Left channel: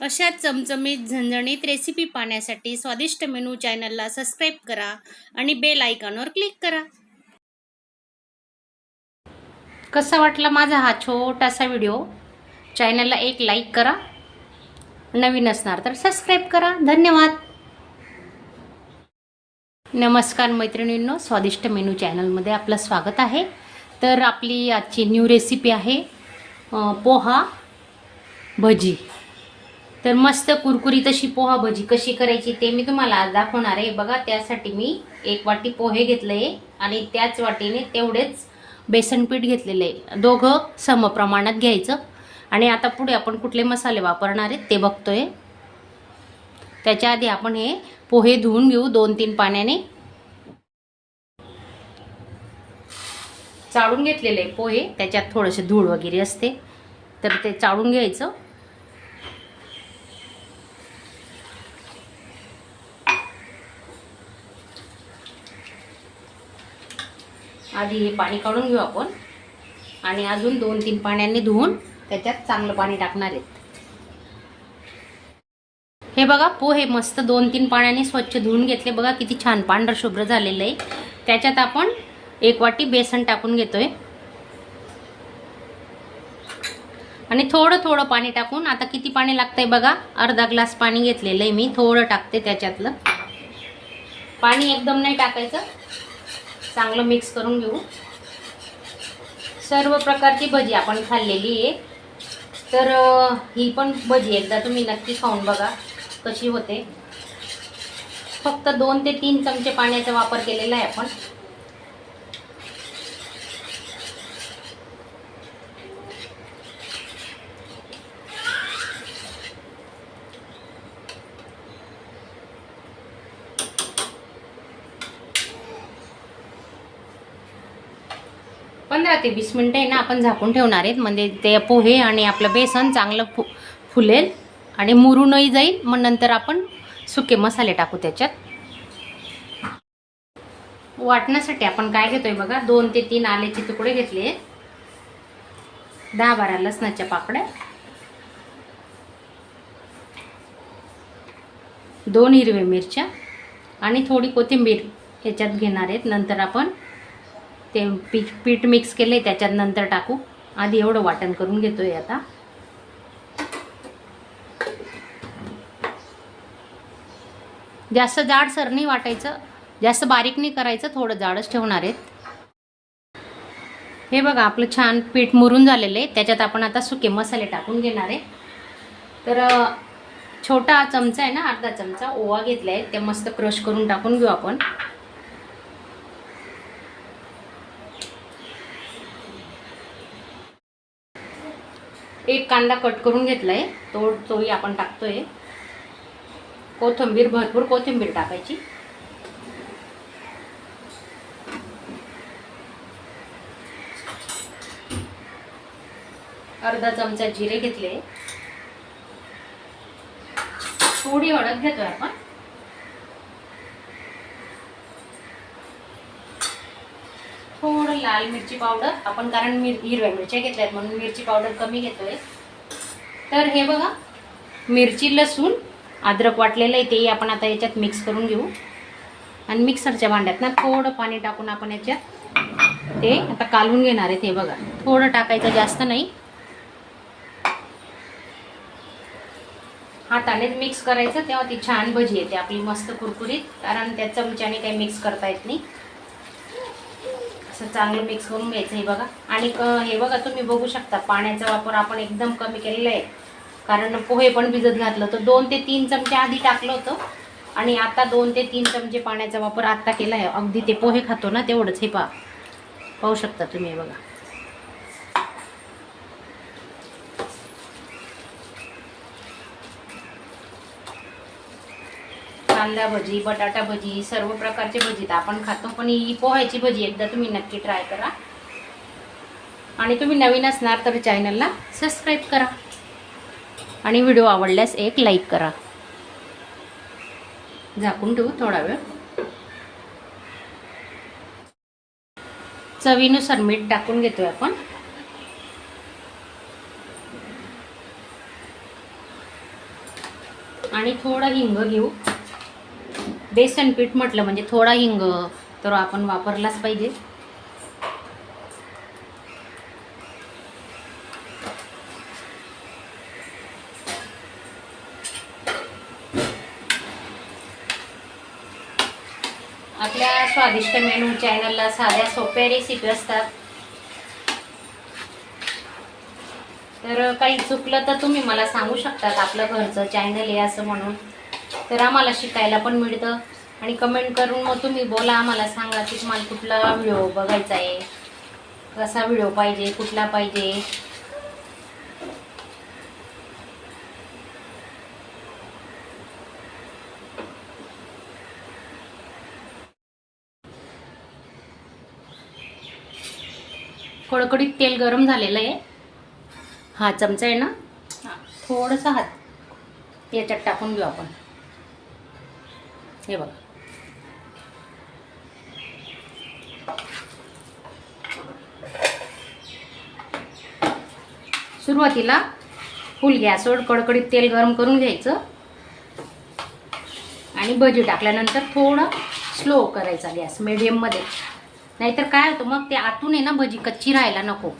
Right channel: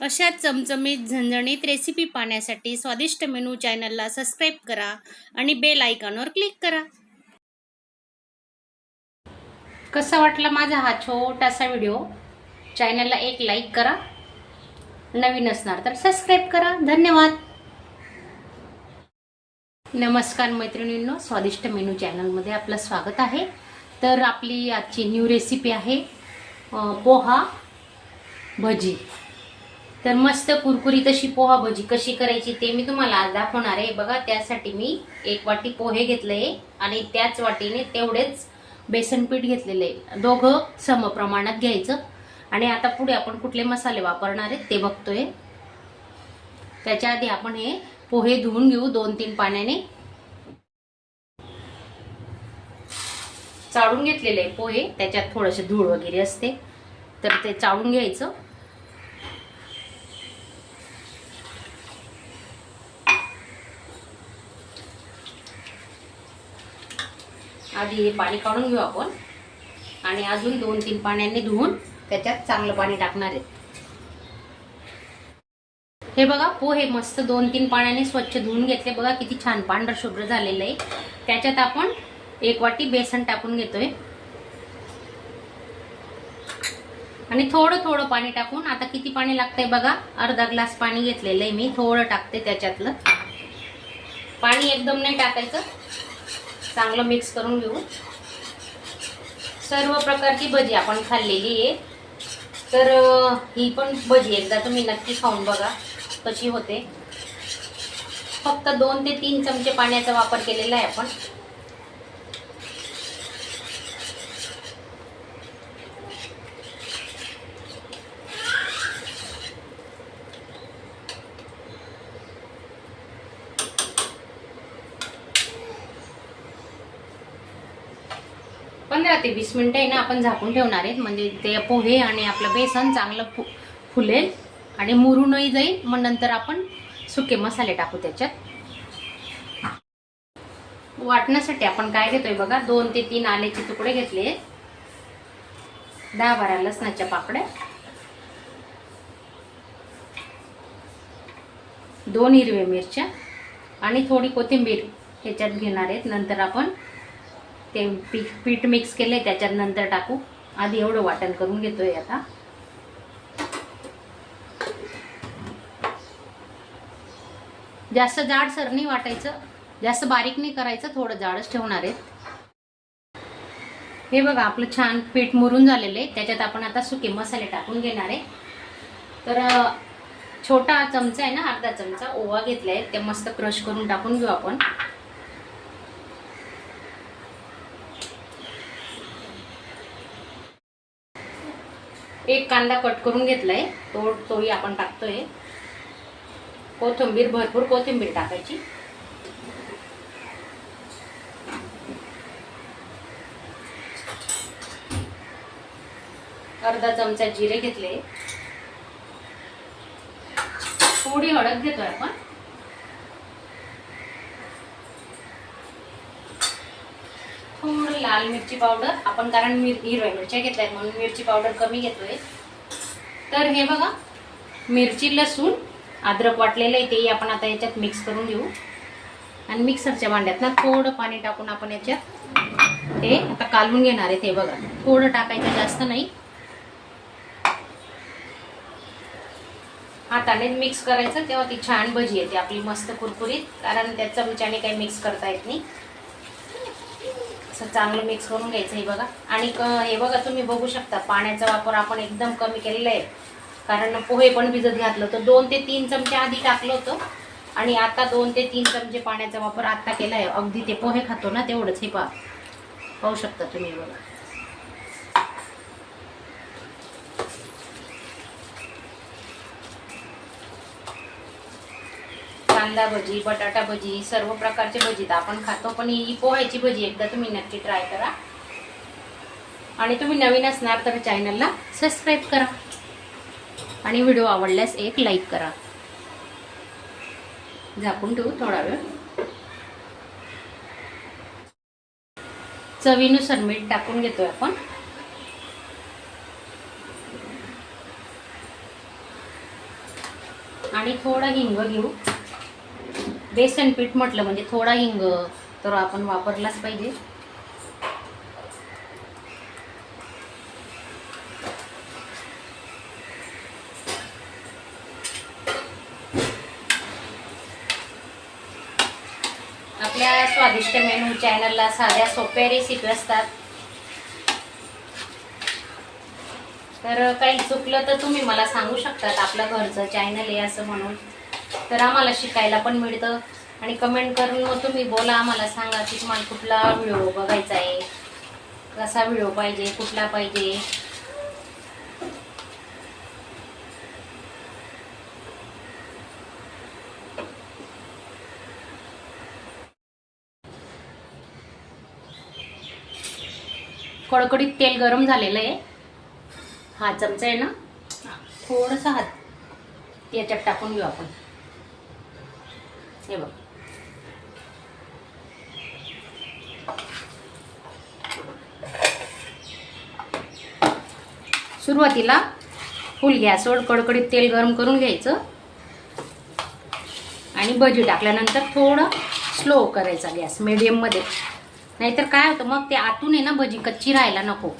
अशा चमचमीत झणझणीत रेसिपी पाहण्यासाठी स्वादिष्ट मेनू चॅनलला सबस्क्राईब करा आणि बेल आयकॉनवर क्लिक करा। कसा वाटला माझा हा छोटासा व्हिडिओ? चॅनलला एक लाईक करा, नवीन असणार तर सबस्क्राईब करा। धन्यवाद। नमस्कार मैत्रिणींनो, स्वादिष्ट मेनू चॅनलमध्ये आपलं स्वागत आहे। तर आपली आजची न्यू रेसिपी आहे पोहा भजी। तर मस्त कुरकुरीत अशी पोहा भजी कशी करायची ते मी तुम्हाला आज दाखवणार आहे। बघा, त्यासाठी मी 1 वाटी पोहे घेतले आणि त्याच वाटीने तेवढेच बेसन पीठ घेतलेले, दोघं सम प्रमाणात घ्यायचं। आणि आता पुढे आपण कुठले मसाले वापरणार आहेत ते बघतोय। त्याच्या आधी आपण हे पोहे धुवून घेऊ 2-3 पाण्याने। चाळून घेतलेले पोहे, त्याच्यात थोडेसे धूळ वगैरे असते तर ते चाळून घ्यायचं। आधी हे पाणी काढून घेऊ आपण आणि अजून 2-3 पाण्याने धुवून त्याच्यात चांगलं पाणी टाकणार आहे। हे बघा, पोहे मस्त 2-3 पाण्याने स्वच्छ धुवून घेतले। बघा किती छान पांढर शुभ्र झालेलं आहे। त्याच्यात आपण 1 वाटी बेसन टाकून घेतोय आणि थोडं थोडं पाणी टाकून, आता किती पाणी लागतंय बघा, अर्धा ग्लास पाणी घेतलेलं आहे मी, थोडं टाकते त्याच्यातलं। पाणी एकदम नाही टाकायचं, चांगलं मिक्स करून घेऊ। सर्व प्रकारची भजी आपण खाल्लेली आहे, तर ही पण भजी एकदा तुम्ही नक्की खाऊन बघा कशी होते। फक्त 2 ते 3 चमचे पाण्याचा वापर केलेला आहे आपण। पंधरा ते 20 मिनिटं आहे ना आपण झाकून ठेवणार आहेत, म्हणजे ते पोहे आणि आपलं बेसन चांगलं फुलेल आणि मुरूनही जाईल। मग नंतर आपण सुके मसाले टाकू त्याच्यात। वाटण्यासाठी आपण काय घेतोय बघा, 2 ते 3 आल्याचे तुकडे घेतले, 10-12 लसणाच्या पाकळ्या, 2 हिरव्या मिरच्या आणि थोडी कोथिंबीर ह्याच्यात घेणार आहेत। नंतर आपण ते पीठ मिक्स केले त्याच्यात नंतर टाकू। आधी एवढं वाटण करून घेतोय आता। जास्त जाडसर नाही वाटायचं, जास्त बारीक नाही करायचं, थोडं जाडच ठेवणार आहेत। हे बघा, आपलं छान पीठ मुरून झालेलं आहे। त्याच्यात आपण आता सुके मसाले टाकून घेणार आहे। तर छोटा चमचा आहे ना, अर्धा चमचा ओवा घेतलाय, ते मस्त क्रश करून टाकून घेऊ आपण। एक कांदा कट करून घेतलाय, तोही आपण टाकतोय। कोथिंबीर, भरपूर कोथिंबीर टाकायची। अर्धा चमचा जिरे घेतले, थोडी हळद घेतोय आपण, थोडं लाल मिरची पावडर आपण, कारण हिरव्या मिरच्या घेतल्यात म्हणून मिरची पावडर कमी घेतोय। तर हे बघा, मिरची, लसूण, अद्रक वाटलेलं आहे तेही आपण आता याच्यात मिक्स करून घेऊ। आणि मिक्सरच्या भांड्यात ना थोडं पाणी टाकून आपण याच्यात ते आता कालवून घेणार आहे। हे बघा, थोडं टाकायचं, जास्त नाही। हाताने मिक्स करायचं, तेव्हा ती छान भजी येते आपली मस्त कुरकुरीत, कारण त्या चमच्याने काही मिक्स करता येत नाही। असं चांगलं मिक्स करून घ्यायचं हे बघा। आणि हे बघा, तुम्ही बघू शकता पाण्याचा वापर आपण एकदम कमी केलेला आहे, कारण पोहे पण भिजत घातलं तर 2 ते 3 चमचे आधी टाकलं होतं आणि आता 2 ते 3 चमचे पाण्याचा वापर आता केला आहे। अगदी ते पोहे खातो ना तेवढंच। हे पाहू शकता तुम्ही, बघा। कांदा भजी, बटाटा भजी, सर्व प्रकारची भजी तर आपण खातो, पण ही पोह्याची भजी एकदा तुम्ही नक्की ट्राय करा। आणि तुम्ही नवीन असणार तर चॅनलला सबस्क्राईब करा आणि व्हिडिओ आवडल्यास एक लाईक करा। झाकून ठेवू थोडा वेळ। चवीनुसार मीठ टाकून घेतोय आपण। आणि थोडं हिंग घेऊ. बेसन पीठ म्हटलं म्हणजे थोडा हिंग तर आपण वापरलाच पाहिजे. आपल्या स्वादिष्ट मेनू चॅनलला साध्या सोप्या रेसिपी असतात. तर काही चुकलं तर तुम्ही मला सांगू शकतात. आपलं घरचं चॅनल आहे असं म्हणून, तर आम्हाला शिकायला पण मिळतं. आणि कमेंट करून मग तुम्ही बोला, आम्हाला सांगा की तुम्हाला कुठला व्हिडिओ बघायचा आहे, कसा व्हिडिओ पाहिजे, कुठला पाहिजे. कडकडीत तेल गरम झालेलं आहे. हा चमचा आहे ना, थोडंसं हात याच्यात टाकून घेऊ आपण. हे बघ, सुरुवातीला फुल गॅसवर कडकडीत तेल गरम करून घ्यायचं आणि भजी टाकल्यानंतर थोडं स्लो करायचा गॅस मीडियममध्ये. नाहीतर काय होतं मग ते आतून आहे ना भजी कच्ची राहायला नको.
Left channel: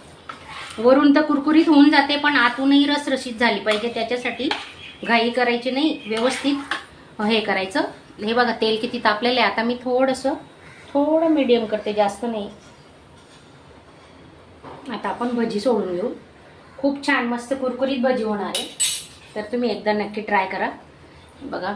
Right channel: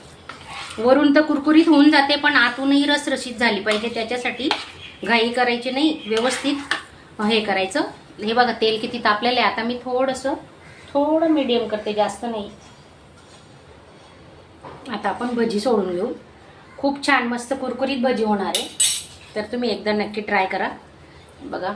वरून तर कुरकुरीत होऊन जाते पण आतूनही रसरशीत झाली पाहिजे. त्याच्यासाठी घाई करायची नाही, व्यवस्थित हे करायचं. हे बघा तेल किती तापलेलं आहे. आता मी थोडं मीडियम करते, जास्त नाही. आता आपण भजी सोडून घेऊ. खूप छान मस्त कुरकुरीत भजी होणार आहे. तर तुम्ही एकदा नक्की ट्राय करा. बघा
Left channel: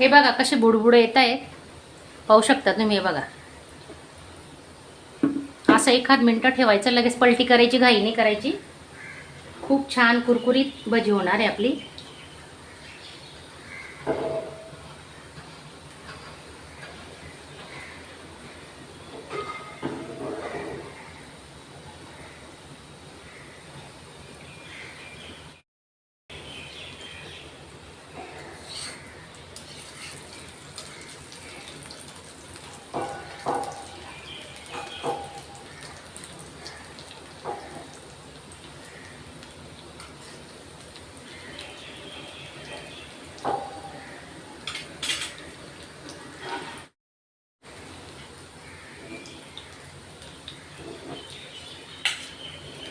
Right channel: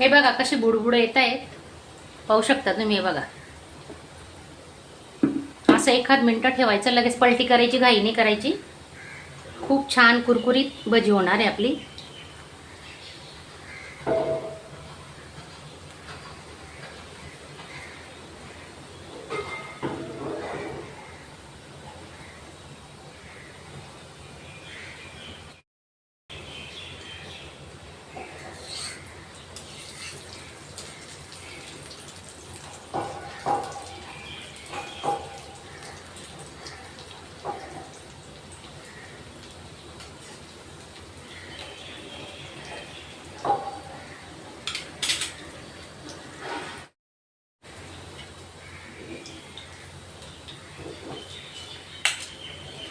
हे बघा कशी बुडबुडे येत आहेत, पाहू शकता तुम्ही. हे बघा असं 1-2 मिनिटं ठेवायचं, लगेच पलटी करायची, घाई नाही करायची. खूप छान कुरकुरीत भजी होणार आहे आपली.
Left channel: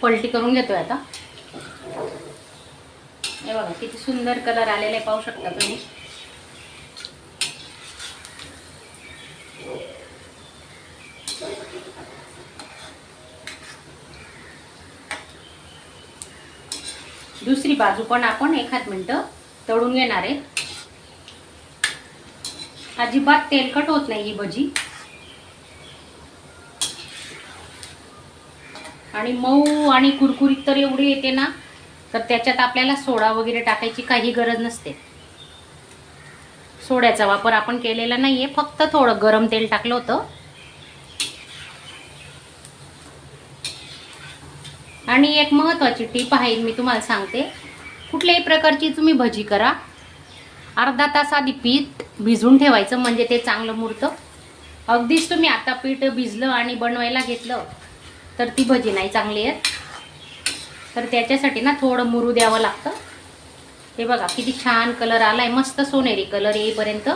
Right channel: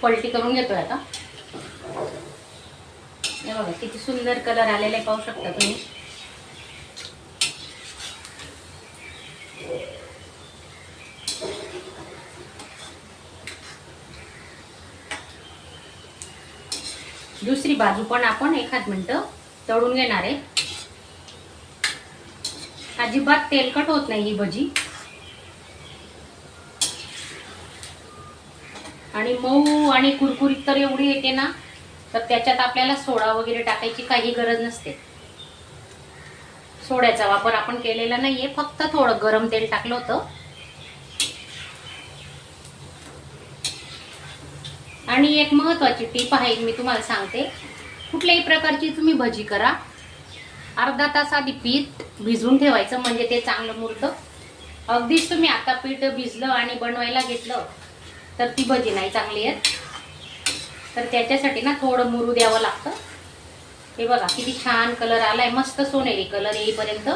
पलटी करून घेतोय आता. हे बघा किती सुंदर कलर आलेला आहे, पाहू शकता तुम्ही. दुसरी बाजू पण आपण 1-2 मिनिटं तळून घेणार आहे. अजिबात तेलकट होत नाही ही भजी आणि मऊ आणि कुरकुरीत तर एवढी येते ना, तर त्याच्यात आपल्याला सोडा वगैरे टाकायची काही गरज नसते. सोड्याचा वापर आपण केलेला नाहीये, फक्त थोडं गरम तेल टाकलं होतं. आणि एक महत्त्वाची टीप आहे, मी तुम्हाला सांगते. कुठल्याही प्रकारची तुम्ही भजी करा, अर्धा तास आधी पीठ भिजवून ठेवायचं, म्हणजे ते चांगलं मुरतं. अगदीच तुम्ही आता पीठ भिजलं आणि बनवायला घेतलं तर ती भजी नाही चांगली आहे. तर त्याच्यासाठी ना थोडं मुरू द्यावं लागतं. हे बघा किती छान कलर आलाय, मस्त सोनेरी कलर येईपर्यंत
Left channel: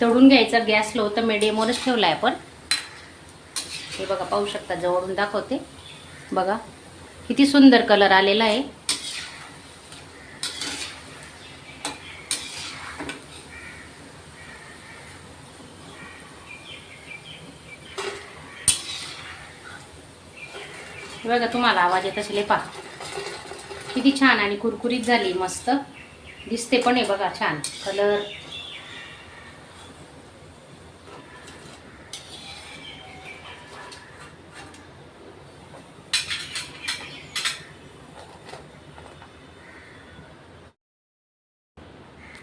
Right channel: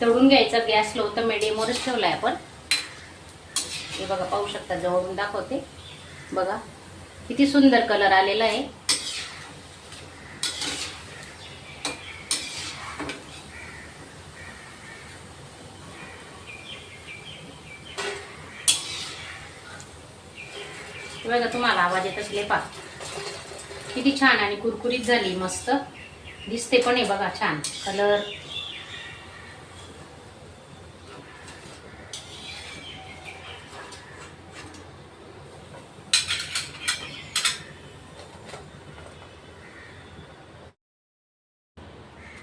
तळून घ्यायचा. गॅस लो तर मीडियमवरच ठेवलाय आपण. हे बघा पाहू शकता, जवळून दाखवते. बघा किती सुंदर कलर आलेला आहे. बघा तुम्हाला आवाज येत असेल, पहा किती छान आणि कुरकुरीत झाली, मस्त दिसते पण आहे बघा, छान कलर.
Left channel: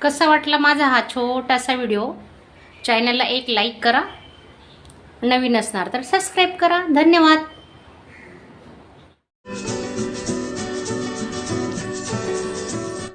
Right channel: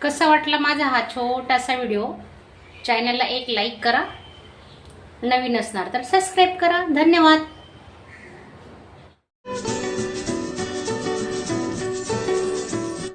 कसा वाटला माझा हा छोटासा व्हिडिओ? चॅनलला एक लाईक करा, नवीन असणार तर सबस्क्राईब करा. धन्यवाद.